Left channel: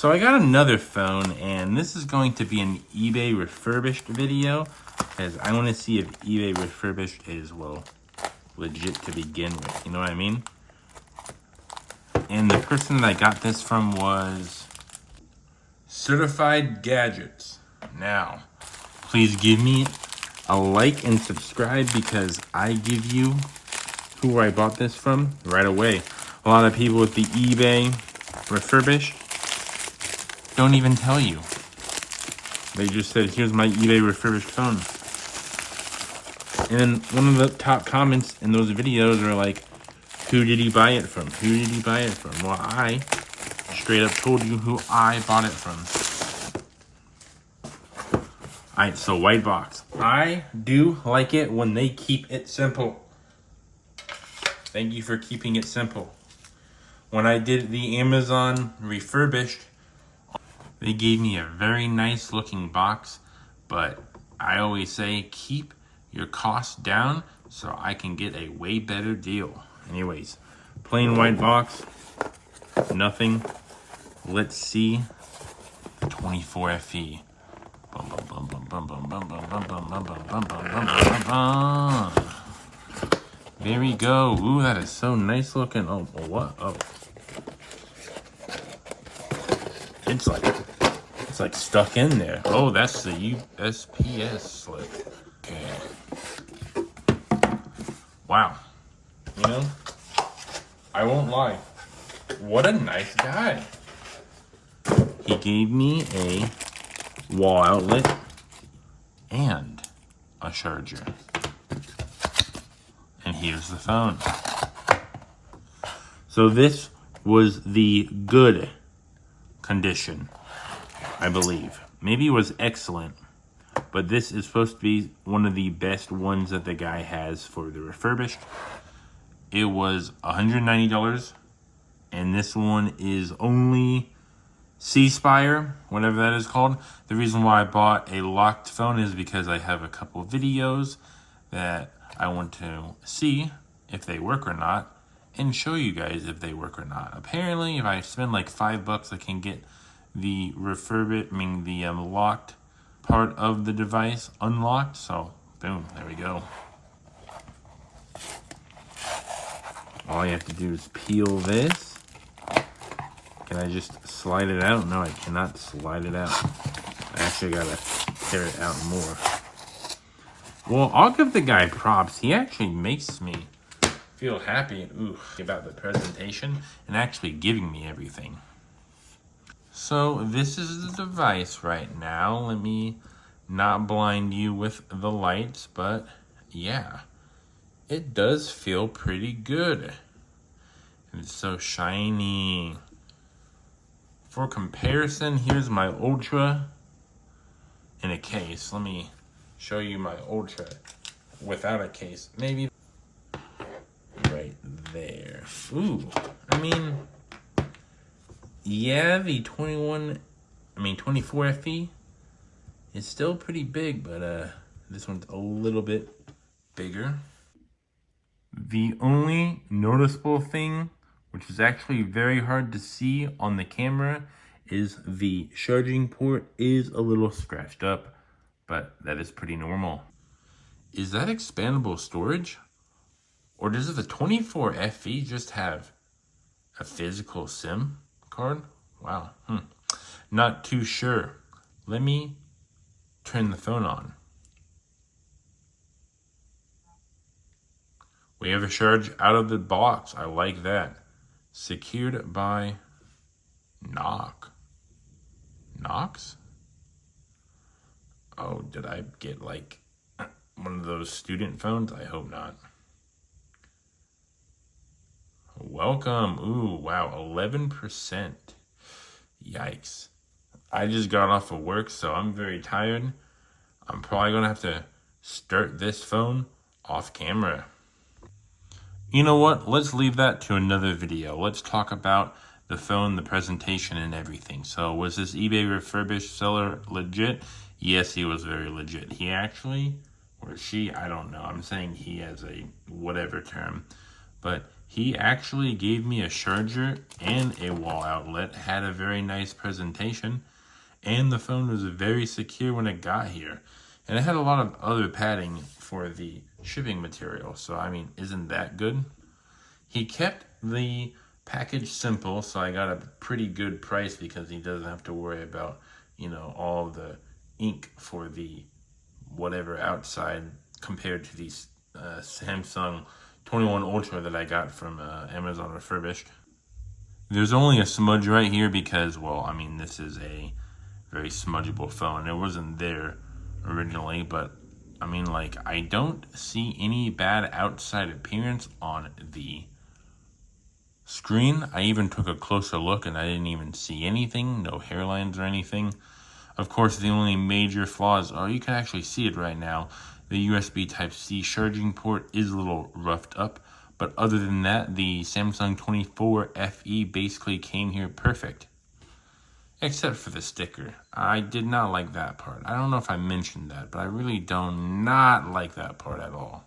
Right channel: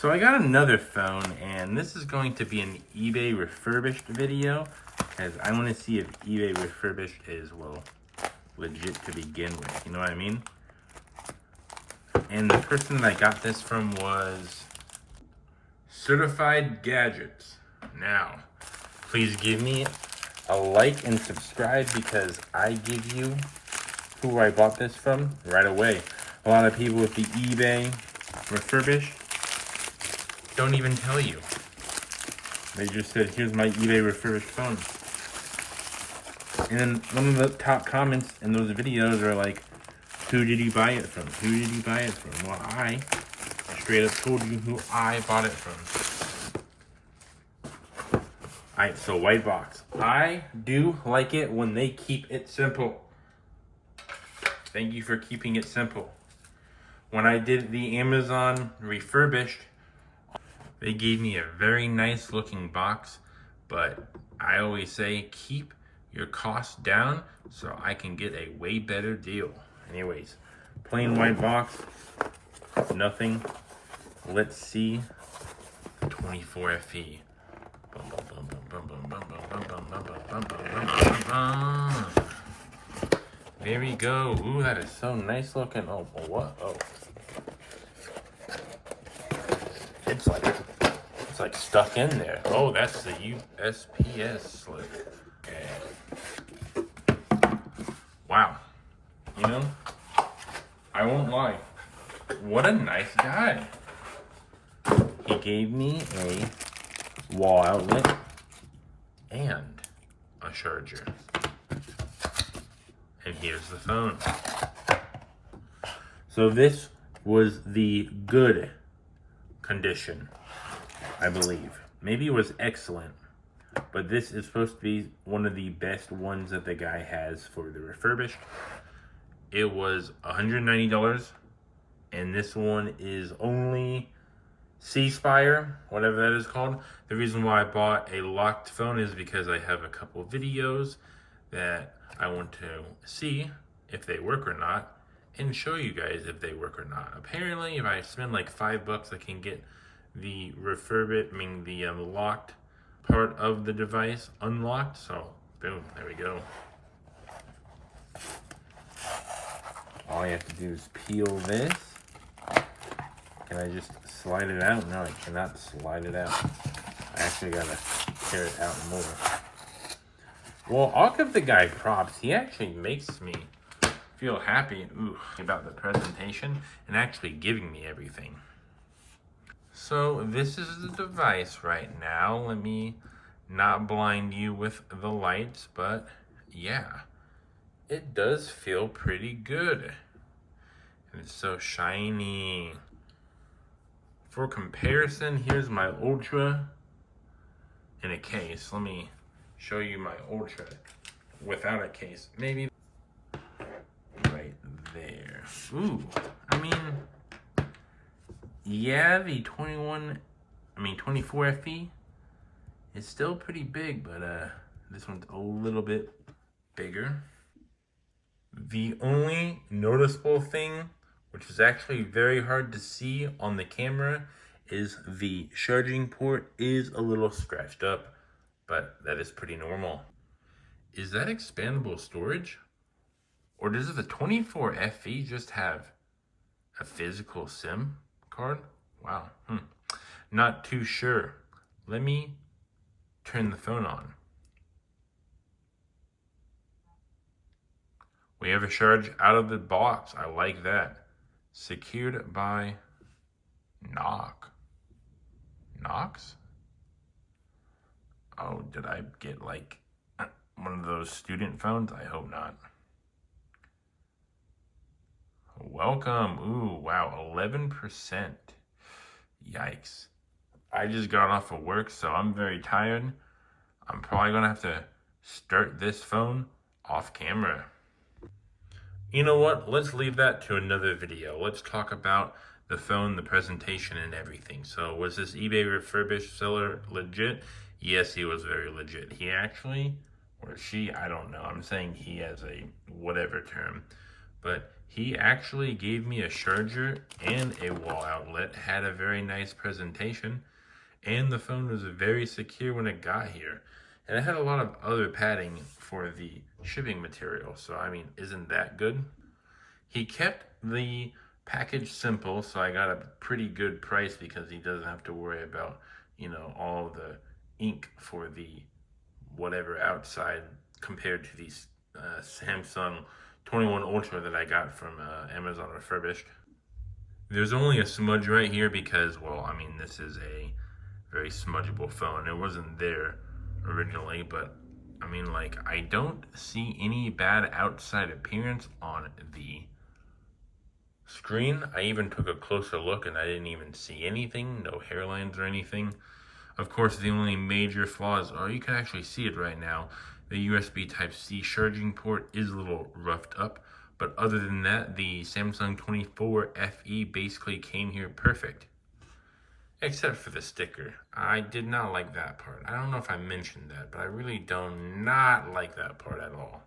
So I got another phone, and this is going to be an eBay refurbished video, because I want to see if eBay refurbished is, well, legit to begin with, you know what I mean? And the person that I got this from was Certified Gadgets. Now, please give me a like and subscribe, because I give you who I bought this from right away. A lot of people with the eBay refurbished don't even tell you. They just said, here's my eBay refurbished phone. And then one of the top comments in those videos are like, who did you buy it from? Who did you buy it from? Well, I straight up told you who I bought it from. Alright, so white box. I do like it when they keep it simple. Thank you for keeping it simple. When I did the Amazon refurbished, they gave me a very nice looking box, but I always say keep your costs down so I can get a way better deal. Anyways, plain white box, nothing. Let's see 24 FE. There we go. Ooh, that is so nice looking. Oh, what? Oh. It's like stuck in there. Oh, that's the USPS slip. Okay. Wow. You know, I won't lie. What a nice guy. He gave me a wall outlet and a charger. And here's the phone. So this was the good condition, I believe. Maybe it was excellent, but this is supposed to be one of the best ones that the guy has for the refurbished. It was $190, and this one is only C-Spire, whatever that is called. The reason why I bought a locked phone is because I have a couple videos that I want to see if they work or not, and show you guys if they work or not. Apparently, if I spend like $5, I can get the locked part of the device unlocked. So, boom, there we go. All I have to do is peel this. Can I just slide it out? No, I cannot slide it out. I actually gotta tear it out more. Well, I'll give the guy props. He actually makes me feel happy about the presentation and actually giving me everything. So this is the device right now. Let me not blind you with the lights, but yeah, it does feel pretty good. And it's so shiny. For comparison, here's my Ultra in a case. Let me show you my Ultra without a case. Maybe right there. Ooh, I mean, yeah, the 24 FE is still pretty big, but this one's a little bit bigger. The only noticeable thing, which is actually very hard to see on the camera, is the charging port is a little scratched up, but that is pretty normal. Is that expandable storage? Or does the 24 FE just have a physical SIM card? Wow, not too sure. Let me turn the phone on. We have a charge out of the box. I like that. Secured by Knox? Oh, did I get like one of those student phones? I hope not. Welcome. Ooh, wow, 11%. Yikes. I just got off of work, so I'm very tired. I'm probably gonna have to start this phone off camera. You know what? Let's leave that to another video. Let's talk about the phone, the presentation, and everything. So was this eBay refurbished seller legit? Yes, he was very legit. He actually, or she, I don't know. I'm saying he as a whatever term. But He actually gave me a charger and a wall outlet, had a very nice presentation, and the phone was very secure when it got here. And it had a lot of other padding for the shipping material, so I mean, isn't that good? He kept the package simple, so I got a pretty good price because he doesn't have to worry about, you know, all the ink for the whatever outside compared to these Samsung 21 Ultra that I got from Amazon Refurbished. There's only a smudge right here because, well, I mean, this is a very smudgeable phone. It wasn't there originally, but I mean, like, I don't see any bad outside appearance on the screen. I even took a closer look and I didn't even see anything, no hairlines or anything. Of course, the only major flaws are, you can actually see it right now, the USB Type-C charging port is a little roughed up, but other than that, the Samsung 24 FE basically came here perfect. Except for the sticker. I did not like that part. I don't know if I mentioned that, but I really do not like that part at all.